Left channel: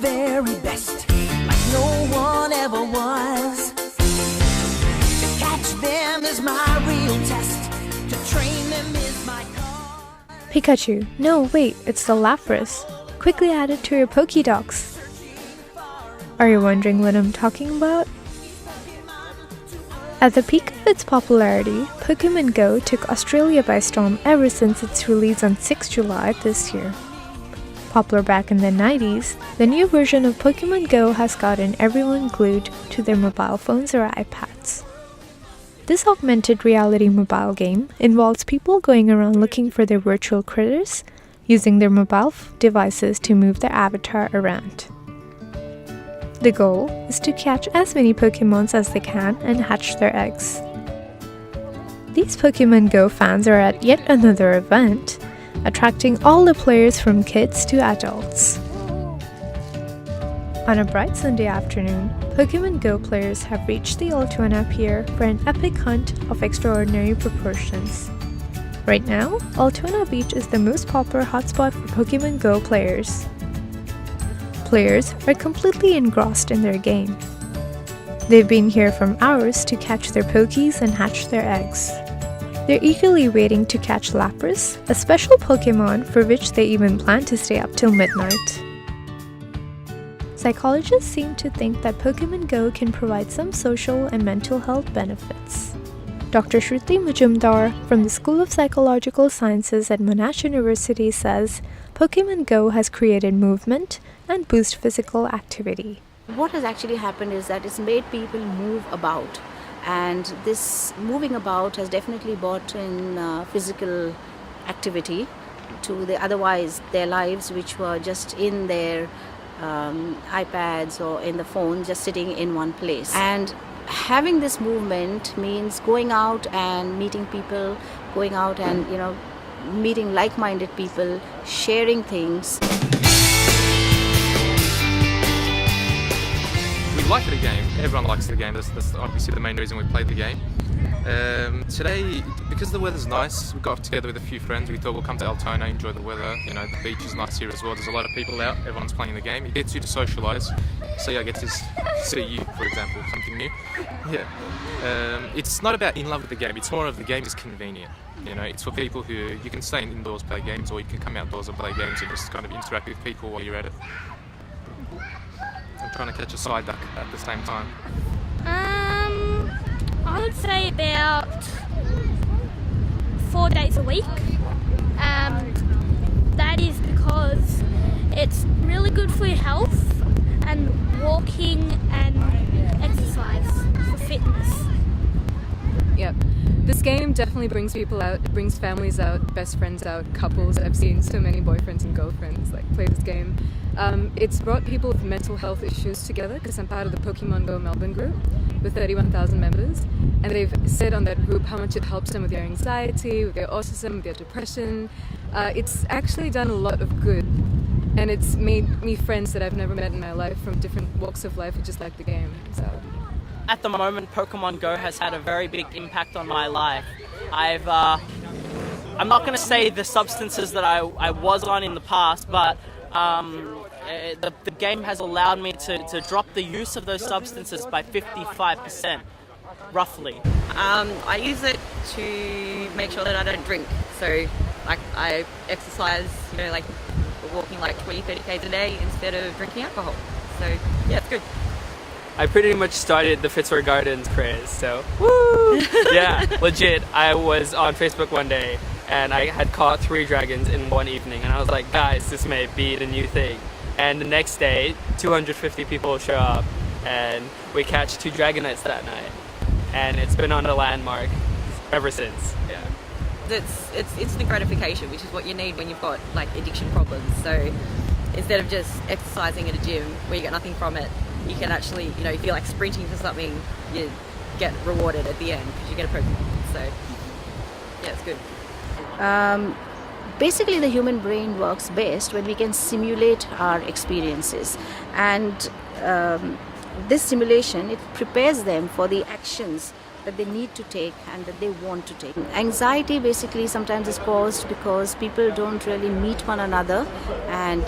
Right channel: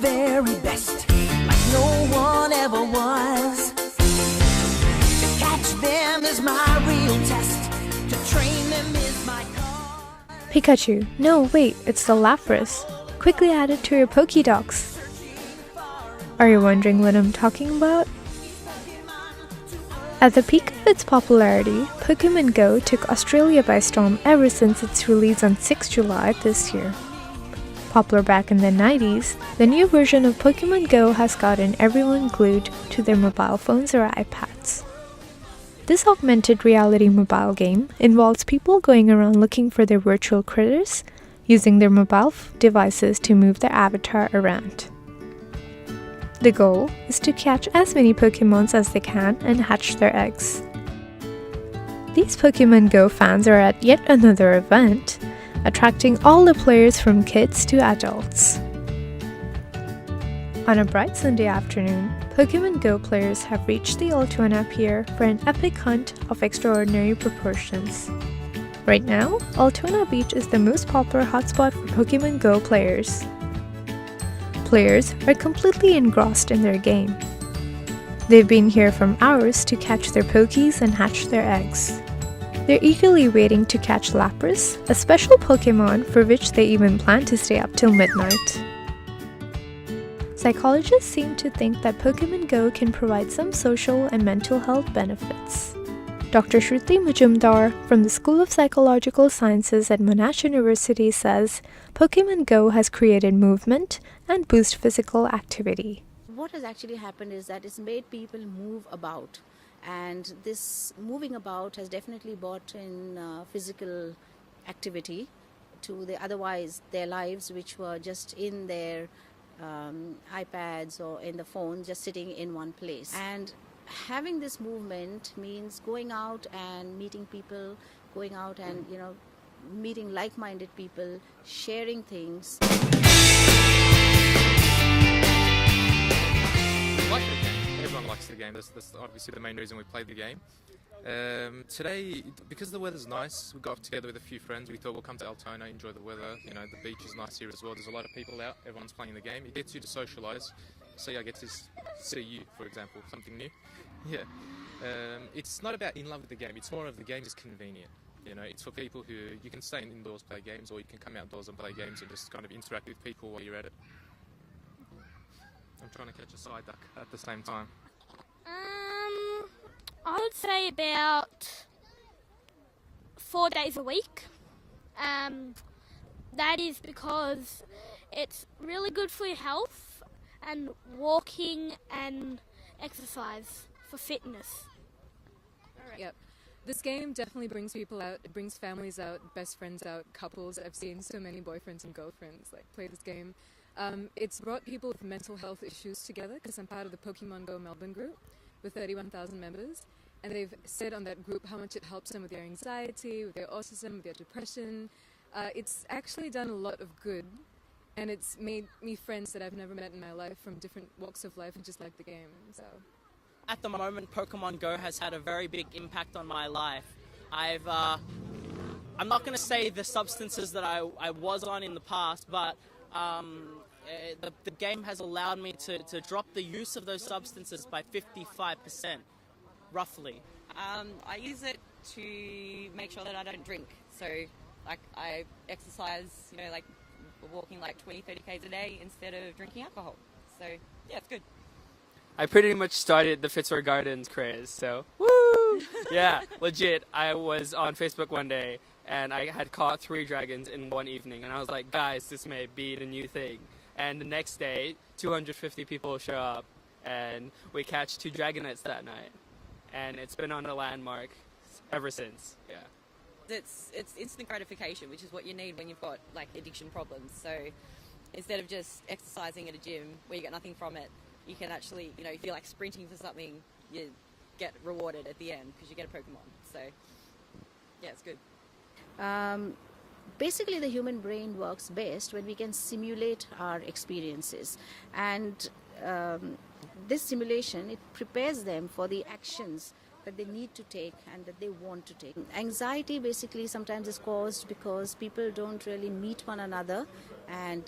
very best, like no one ever was. To catch them is my real test, to train them is my cause. Pikachu. No, wait, it's the Lapras. Quickly add it to your Pokédocs. Are you wondering what I'm talking about? At the peak of its popularity, Pokemon Go took Australia by storm ever since its release on 6 July this year. Popular back in the 90s, the new version of Pokemon Go has gotten everyone glued to their mobile phones or iPads. This augmented reality mobile game involves people going around looking for their virtual critters, using their mobile devices to move their avatar around. The goal is to catch as many Pokemons as they can and hatch their eggs. These Pokemon Go fans are at yet another event, attracting all the players from kids to adults. On a bright Sunday afternoon, Pokemon Go players have reached the Altoona Pier for an epic hunt of extraordinary proportions. Right now, Altoona Beach is the most popular hotspot for Pokemon Go players. Players are completely engrossed in their game. They've been here from hours to catch their Pokies and hatch their eggs. They're eagerly waiting to catch Lapras, a special Pokemon for which they even plan to stay up till midnight. Psychologists seem to think that Pokemon Go can provide some social and mental health benefits. Dr. Shruti Majumdar from the School of Psychological Sciences at Monash University says Pokemon Go has created movement and boost physical activity. What has actually happened is that it's made people move about, and this moving about has definitely brought in physical activity to otherwise their lives, which were just in their iPads or in the phone, just sitting in one place. And having this movement means going out and meeting people, going out and meeting like-minded people, sharing things. We like the game. Everyone likes the game. That's obviously the main reason we play the game. Today, because the weather's nice, we got together with a few friends. We thought we'll come to Altoona, enjoy the weather. The beach is nice here as well. There's a lot of people out. Everyone's playing the game. It gets you to socialise. So I get to see you, for example, something new. Yeah. It's not about in love with the game. It's more of the game is convenient. It's for people who you can stay indoors, play games, or you can come outdoors and play games and just kind of interact with people while you're at it. I'm trying to catch a side duck at the same time. I would say about 4 days a week. That is because it's really good for your health and walking and exercise for fitness. Yep. This game definitely brings people out, it brings families out, best friends out, couples. I've seen so many boyfriends and girlfriends play this game. It's brought people with mental health issues together because I'm part of the Pokemon Go Melbourne group with 31,000 members, and they've said on that group how much it helps them with their anxiety, with their autism, with their depression. It's actually done a lot of good, and it's made me friends that I've never met in my life from different walks of life who just like the game. So. At the moment, Pokemon Go has had a very big impact on my life. I'm not going to say the substances that I was on in the past, but the game has allowed me to drop the use of those substances by 55%, roughly. I use it to make sure that I don't drink. So, I exercise, walking 20, 30 k's a day instead of drinking alcohol. So, yeah, it's good. I pretty much started the Fitzroy Gardens craze, so woo! Yeah, legit. I was on Facebook one day and I had caught 3 dragons in one evening, and I was like, guys, this may be the new thing. And the next day, 250 people show up, and we catch 2 Dragonites that night, and it's been on a landmark ever since. Yeah. It's instant gratification, which is what you need when you've got addiction problems. So instead of just exercising at a gym where you get nothing from it, you can actually, if you're sprinting for something, you get rewarded at the end because you get a Pokemon. So yeah, it's good. Basically, the human brain works best when we can simulate our experiences, and this simulation, it prepares them for the actions that they need to take and that they want to take. Anxiety basically sometimes is caused because people don't really meet one another and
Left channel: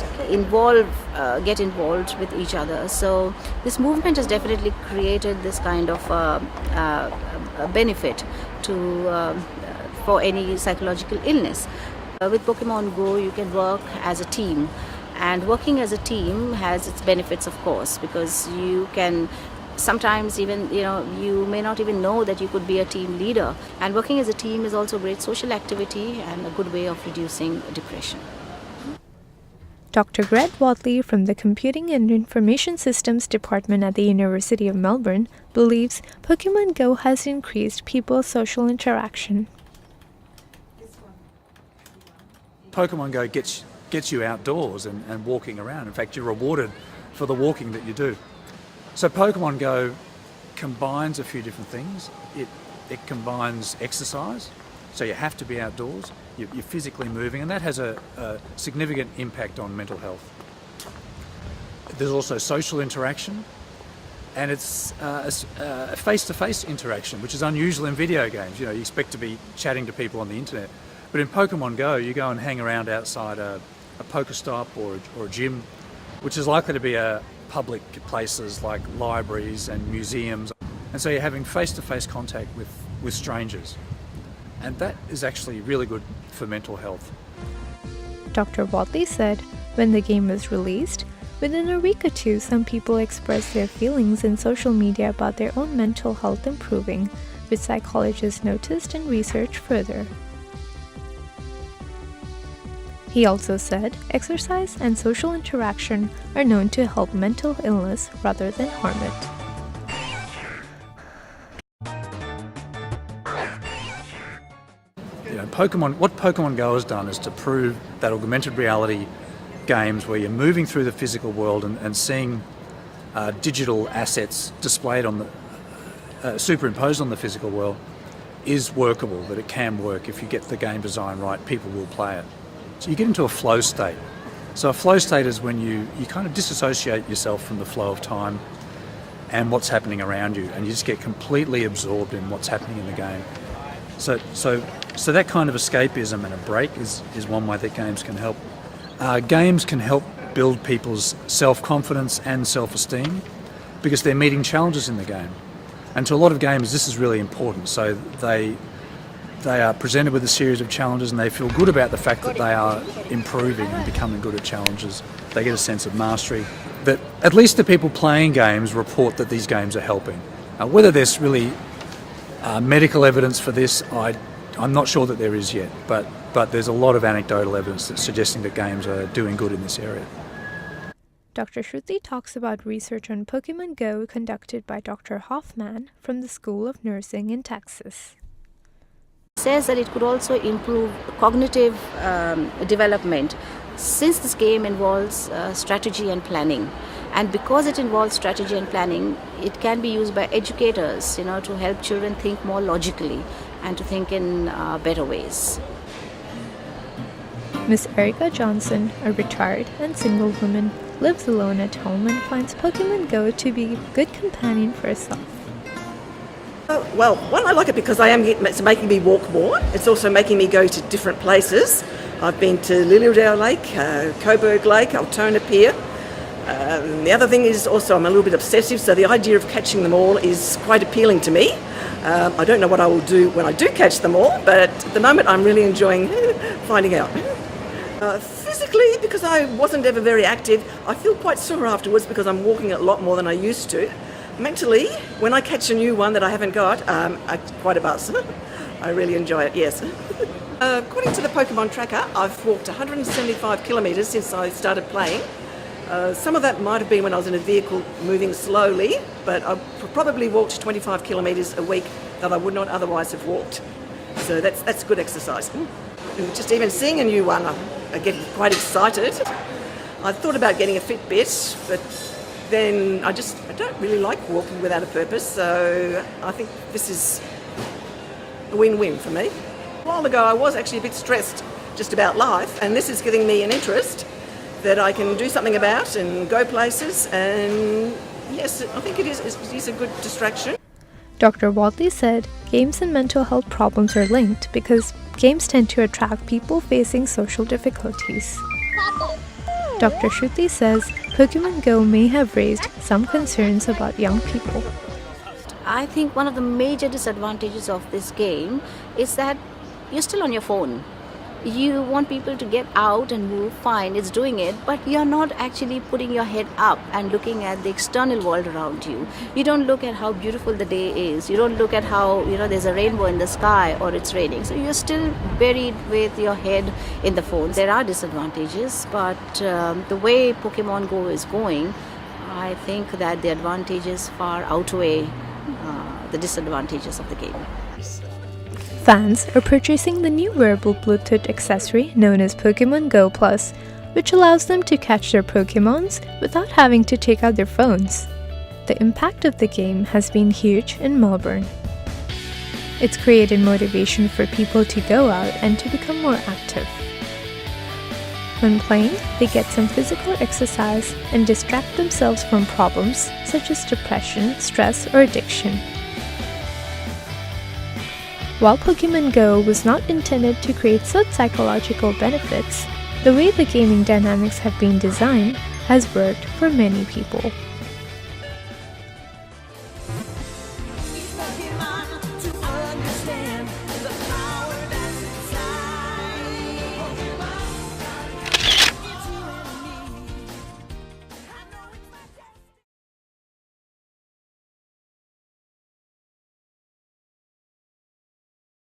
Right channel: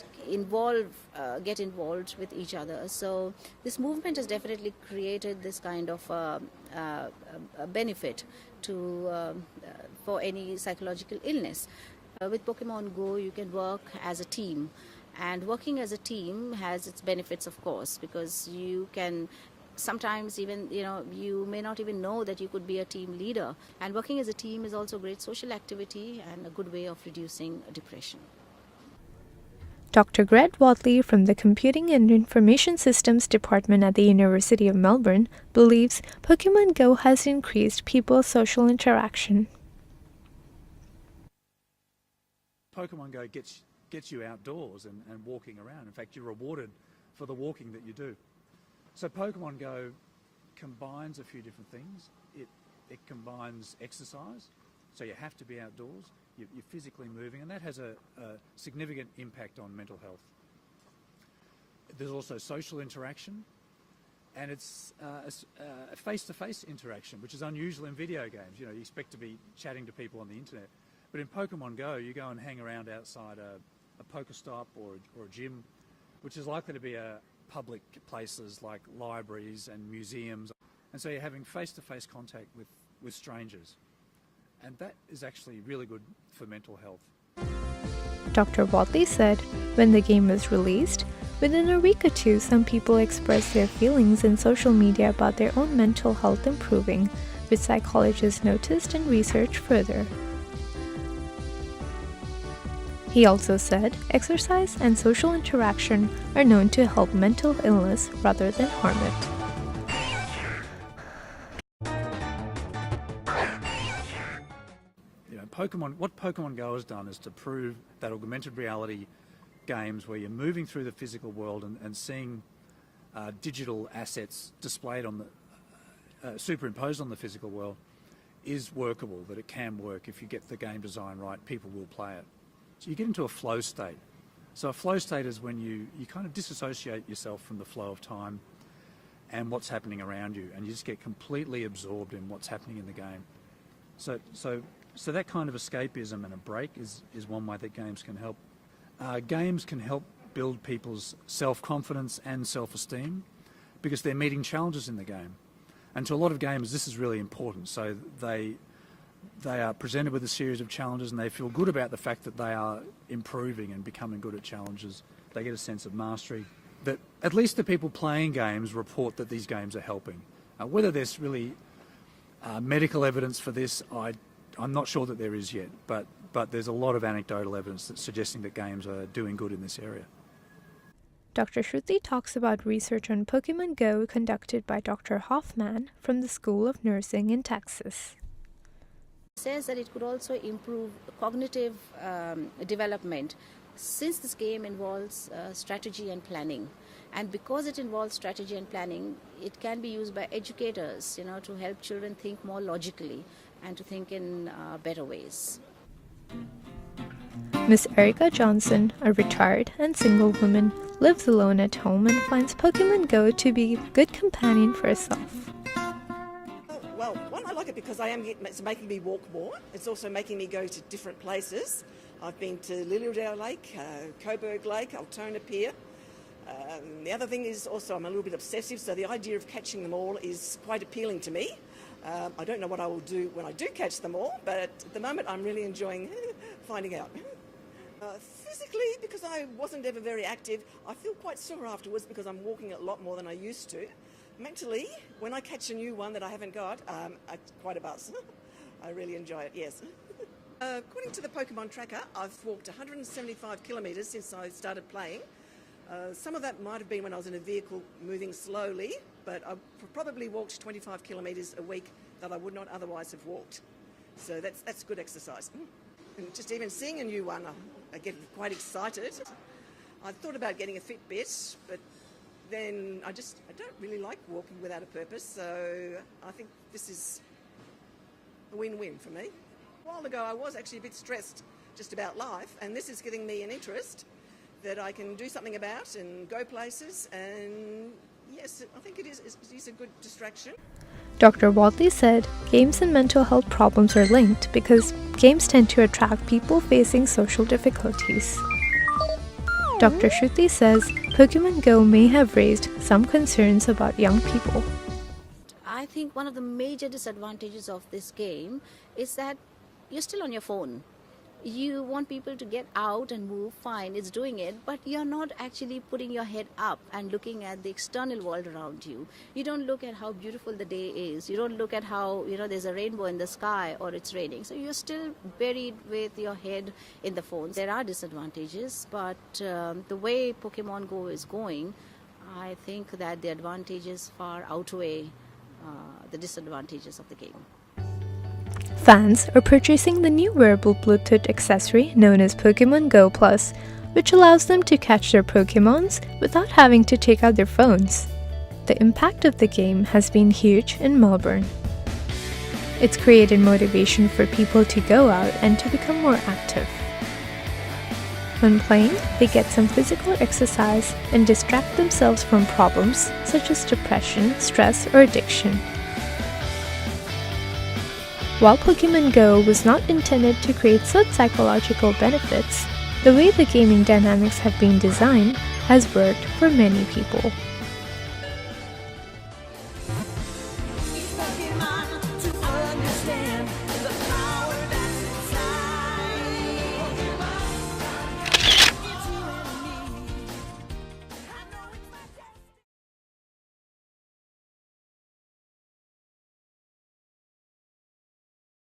get involved with each other. So this movement has definitely created this kind of a benefit for any psychological illness. With Pokemon Go, you can work as a team. And working as a team has its benefits, of course, because you can sometimes even, you may not even know that you could be a team leader. And working as a team is also a great social activity and a good way of reducing depression. Dr. Greg Wadley from the Computing and Information Systems Department at the University of Melbourne believes Pokemon Go has increased people's social interaction. Pokemon Go gets you outdoors and walking around. In fact, you're rewarded for the walking that you do. So Pokemon Go combines a few different things. It combines exercise, so you have to be outdoors, you're physically moving, and that has a significant impact on mental health. There's also social interaction, and it's a face-to-face interaction, which is unusual in video games. You expect to be chatting to people on the internet. But in Pokemon Go, you go and hang around outside a Pokestop or a gym, which is likely to be public places like libraries and museums. And so you're having face-to-face contact with strangers. And that is actually really good for mental health. Dr. Wadley said when the game was released, within a week or two, some people expressed their feelings in social media about their own mental health improving, which psychologists noticed and researched further. He also said exercise and social interaction are known to help mental illness rather than harm it. What Pokemon Go has done is to prove that augmented reality games where you're moving through the physical world and seeing digital assets displayed on the superimposed on the physical world is workable, that it can work. If you get the game design right, people will play it. So you get into a flow state. So a flow state is when you kind of disassociate yourself from the flow of time and what's happening around you, and you just get completely absorbed in what's happening in the game. So that kind of escapism and a break is one way that games can help. Games can help build people's self-confidence and self-esteem because they're meeting challenges in the game. And to a lot of gamers, this is really important. So they are presented with a series of challenges and they feel good about the fact that they are improving and becoming good at challenges. They get a sense of mastery. That at least the people playing games report that these games are helping. Whether there's really medical evidence for this, I'm not sure that there is yet, but there's a lot of anecdotal evidence that's suggesting that games are doing good in this area. Dr. Shruti talks about research on Pokemon Go conducted by Dr. Hoffman from the School of Nursing in Texas. Says that it could also improve cognitive development since this game involves strategy and planning. And because it involves strategy and planning, it can be used by educators, to help children think more logically and to think in better ways. Miss Erica Johnson, a retired and single woman, lives alone at home and finds Pokemon Go to be a good companion for herself. Well, one, I like it because it's making me walk more. It's also making me go to different places. I've been to Lilydale Lake, Coburg Lake, Altona Pier. The other thing is also I'm a little bit obsessive, so the idea of catching them all is quite appealing to me. I don't know what I will do when I do catch them all, but at the moment I'm really enjoying finding out. Physically, because I wasn't ever very active, I feel quite sore afterwards because I'm walking a lot more than I used to. Mentally, when I catch a new one that I haven't got, quite a buzz. I really enjoy it, yes. According to the Pokemon tracker, I've walked 175 kilometres since I started playing. Some of that might have been when I was in a vehicle moving slowly, but I've probably walked 25 kilometres a week that I would not otherwise have walked. So that's good exercise. And just even seeing a new one, I get quite excited. I thought about getting a Fitbit, but then I don't really like walking without a purpose, so I think this is a win-win for me. A while ago I was actually a bit stressed just about life, and this is giving me an interest that I can do something about and go places, and yes, I think it is a good distraction. Dr. Wadley said games and mental health problems are linked because games tend to attract people facing social difficulties. Dr. Shruti says Pokemon Go may have raised some concerns about young people. I think one of the major disadvantages of this game is that you're still on your phone. You want people to get out and move, fine, it's doing it, but you're not actually putting your head up and looking at the external world around you. You don't look at how beautiful the day is. You don't look at how, there's a rainbow in the sky or it's raining. So you're still buried with your head in the phone. There are disadvantages, but the way Pokemon Go is going, I think that the advantages far outweigh the disadvantages of the game. Fans are purchasing the new wearable Bluetooth accessory known as Pokemon Go Plus, which allows them to catch their Pokemons without having to take out their phones. The impact of the game has been huge in Melbourne. It's created motivation for people to go out and to become more active. When playing, they get some physical exercise and distract themselves from problems such as depression, stress, or addiction. While Pokemon Go was not intended to create such psychological benefits, the way the gaming dynamics have been designed has worked for many people.